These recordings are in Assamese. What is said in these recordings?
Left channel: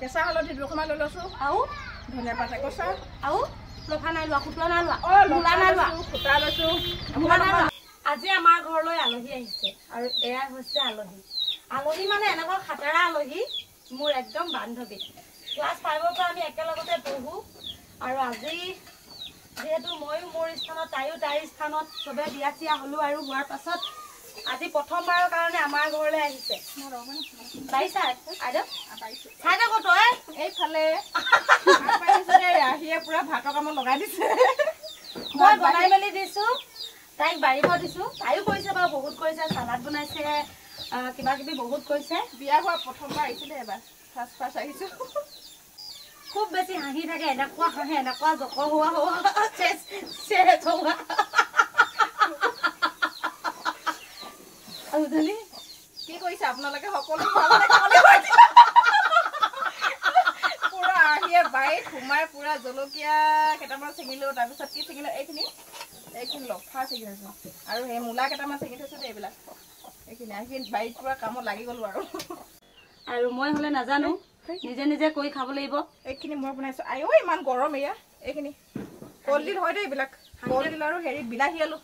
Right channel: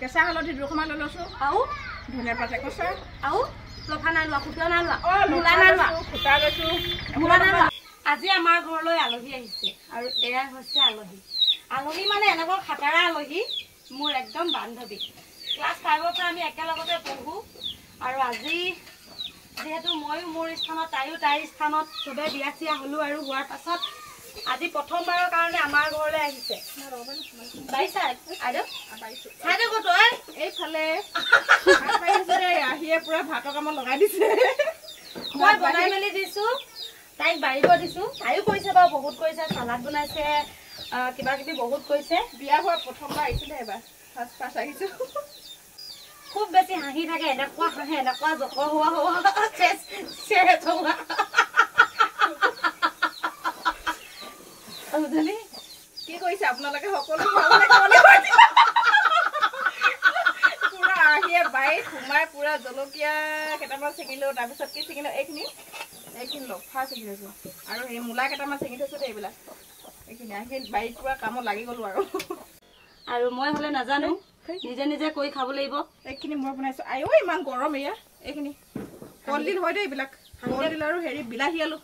কেঁচা হালধি দুখনমান লৈ লৈছো আৰু ধনিয়া পাত একচা আৰু লফা নাই লোৱা খুটা নাই লোৱা মূলা নাই লোৱা খুটা লৈছো মূলা নাই লোৱা। আজি আমাৰ ঘৰলৈ আলহী আহিছে আৰু এয়া হৈছে আলহী। আলহী মানে এনেকুৱা খাটাৰা আলহী, মোৰ একদম বান্ধৱী। ক্লাছ 5ৰ পৰা আমি একেলগতে পঢ়ো আৰু আজি যিহেতু ময়ো মোৰ স্থানত তাইও তাইৰ স্থানত চবে বিয়া চিয়া হলো আৰু হোৱাৰ পাছত আজি প্ৰথমবাৰৰ কাৰণে আমাৰ ঘৰলৈ আহিছে। এইফালে আহিয়ে পুৰা ভাতৰ কামত লগাই দিছে। মই বনাই মেলি দিছো, তাইক বাঢ়িব দিছো। তাইও কৰিছে বাৰু, বহুত কৰিছে, চালাড বনাইছে, কিবা কিবি বহুত কৰিছে। বিয়া হোৱা প্ৰথমবাৰ আহিছিলে, এবাৰ ফাৰ্ষ্ট আহিছো। খুব বেছি হাঁহি থাকে, এনেকুৱা হাঁহে, এনেকুৱা জকৰ হোৱা কি কৰিছে আপোনালোকে সকলো পুৰা আহিয়ে বাৰীত সোমাই পুৰা জলকীয়া কেইটামান ছিঙিলো, তাৰপিছত কি ছিঙিলো এইখিনি লফা ছিঙিছো আৰু সেই মূলা কেইটামান ছিঙি থৈছো দেই। এইবিলাক এইখিনি আহি বাৰীত পুৰা কামত লাগি গলো আৰু মই হলে নাজানো, নিজে নিজে কৰি খাব লাগিব। এইখিনি মই বনাইছো। আইও ইমান গৰম এয়া। এইখিনি কলডিল হয় দেই, এইবিলাক কলডিল আৰু হেৰি বিলাহী আলু।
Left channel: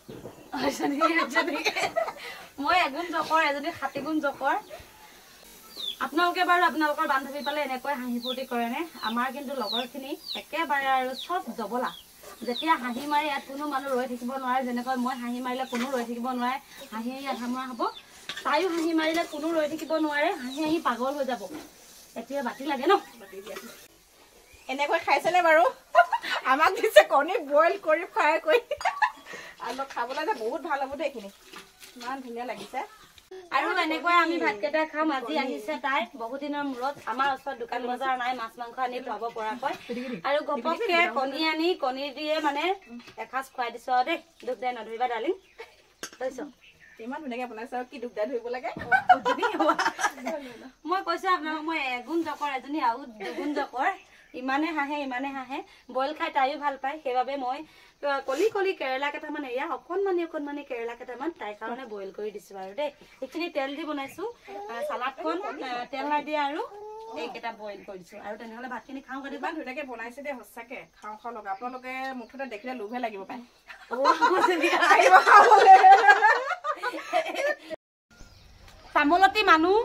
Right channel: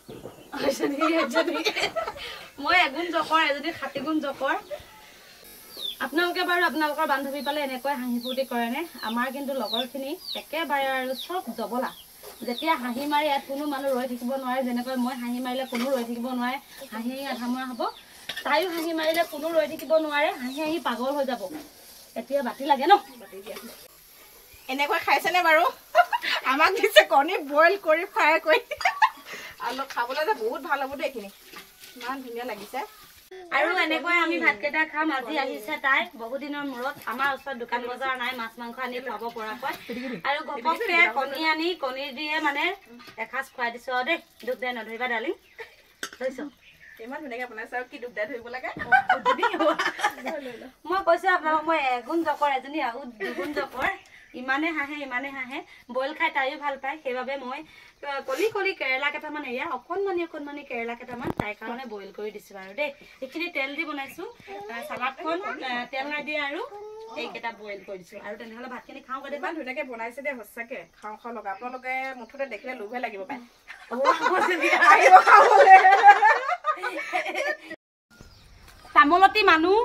মই এগুণ জকৰ, এজনী 60 গুণ জকৰ। আপোনালোকে বাৰু আপোনালোকৰ বান্ধৱী পালে এনেকৈ হাঁহি ফূৰ্তি কৰে নে? আমাৰ কিন্তু লগৰখিনি একেবাৰে আৰু চব জবলা। যেতিয়া হাঁহি মাৰি ইয়াত কোনো মানুহ ৰৈ থাকিব নোৱাৰে, যেনেকৈ মই হাঁহি মাৰিলে কোনো ৰৈ থাকিব নোৱাৰে, হাঁহি আধামৰা হ'ব। তাইও হাঁহি মাৰিলে কোনো ৰৈ থাকিব নোৱাৰে, হাঁহি হাঁহি পাগল হৈ যাব। এতিয়া বাতি লাগে ন? এনেকৈ খাইছেনে বাৰু? আমাক দিছে কণী বইল কৰি ফ্ৰাই কৰি। আৰু খাবলৈ যে বহুত ভাল হ'ব দেই। এইখিনি ইমান ধুনীয়া লাগিছে। আৰু এনেকৈ আমি ভাতকেইটা খাম। আজি আহিছে তাই বহুত দিনৰ মূৰত। আমাৰ ওচৰত দোকান বজাৰ নাই মাছ মাংস আনি খুৱাব পৰাকৈ, আৰু ঘপককে কণী আনি কণী দিয়ে মানে এসাঁজ খুৱাই দিছো দেই। দুখ দে নধৰিবা ডালিং, থৈছ ইমান ধুনীয়াকে বনাইছে। আৰু কি দুখদাৰ ধৰিব লাগে মই কৈছো আপোনালোক, মই এগুণ জকৰ, এজনী আৰু দুগুণ জকৰ। ইমানে হাঁহে ইমানে হাঁহে। বইল খাই তাইও ভাল পায়, সেইবাবে মই কলি কলি কেৰেলা কেইটামান, এয়া অকণমানি কেৰেলা কেইটামান তাইৰ কাৰণে বইল কৰি দিছো আৰু দেই। এইখিনি তেল দি বনাইছো, চালাডখন তেল নাইদিয়া আৰু এইকেইটা বইল কৰি দিছো। আৰু তেনেহলে ভাতখিনি খাওঁ গৈ। ইমান ধুনীয়াকে বনাইছে দেই, সঁচাকে খাওঁ লগা। আপোনালোকে মুঠতে দেখিলে লোভে লাগিব পায়। তামোলতী মানুহ,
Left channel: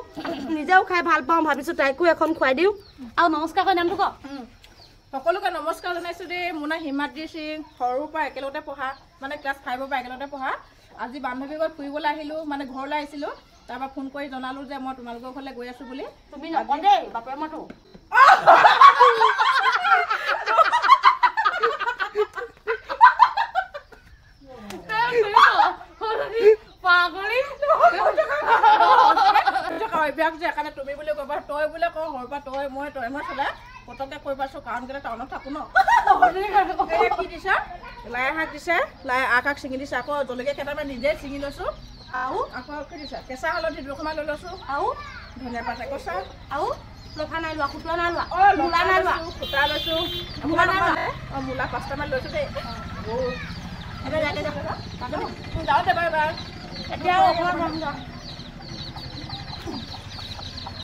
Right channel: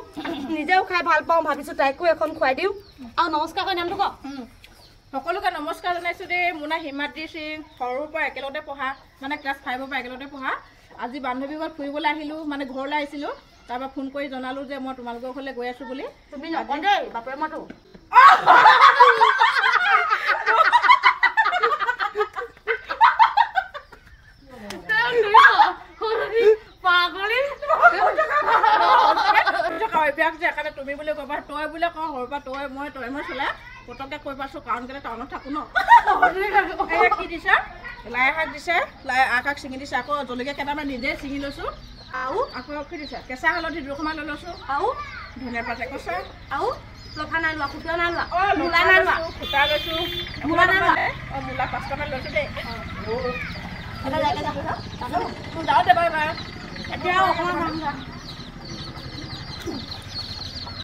নিজেও খাই ভাল পাওঁ, ভাবিছো তাইকো এখন খুৱাই দিওঁ। আৰু নমস্কাৰ কৰি নামটো ক। সকলোকে নমস্কাৰ জনাইছো দেই। মোৰ নাম হিমাদ্ৰী সিং, সৰুৰ পৰা একেলগতে পঢ়া, মানে ক্লাছ 5ৰ পৰা একেলগতে পঢ়া। আজি বান্ধৱীৰ ঘৰত ফুৰিবলৈ আহিলো, মানে ঘৰলৈ আহিছিলো। তাৰপৰা ফোন কৰি জনালো যে মই তোমালোকৰ ঘৰলৈ গৈ আছো বুলি। তুমি নকওঁ দেই বাপেৰ মতো। অভ্যাস যে সেইকাৰণে তুমি বুলি কবা, তই বুলি কওঁ সৰুৰ পৰা তই মই চলে পতককে কৈ পাইছো, কাৰণ কেলে টাউনত থাকো ন। কি দিছে? লাই শাক দিছে, লাই আগ ছিঙি দিছে। আকৌ জলকীয়া কেইটামান নিজে ছিঙি লৈছো। আৰু আকৌ কি দিছে? কেঁচা হালধি দুখনমান লৈ লৈছো আৰু ধনিয়া পাত একচা আৰু লফা নাই লোৱা খুটা নাই লোৱা মূলা নাই লোৱা খুটা লৈছো। মূলা নাই লোৱা মূলা 5টামান লৈছো দেই। এটা যাওঁতে যাওঁতে বাৰু এতিয়া অকণমান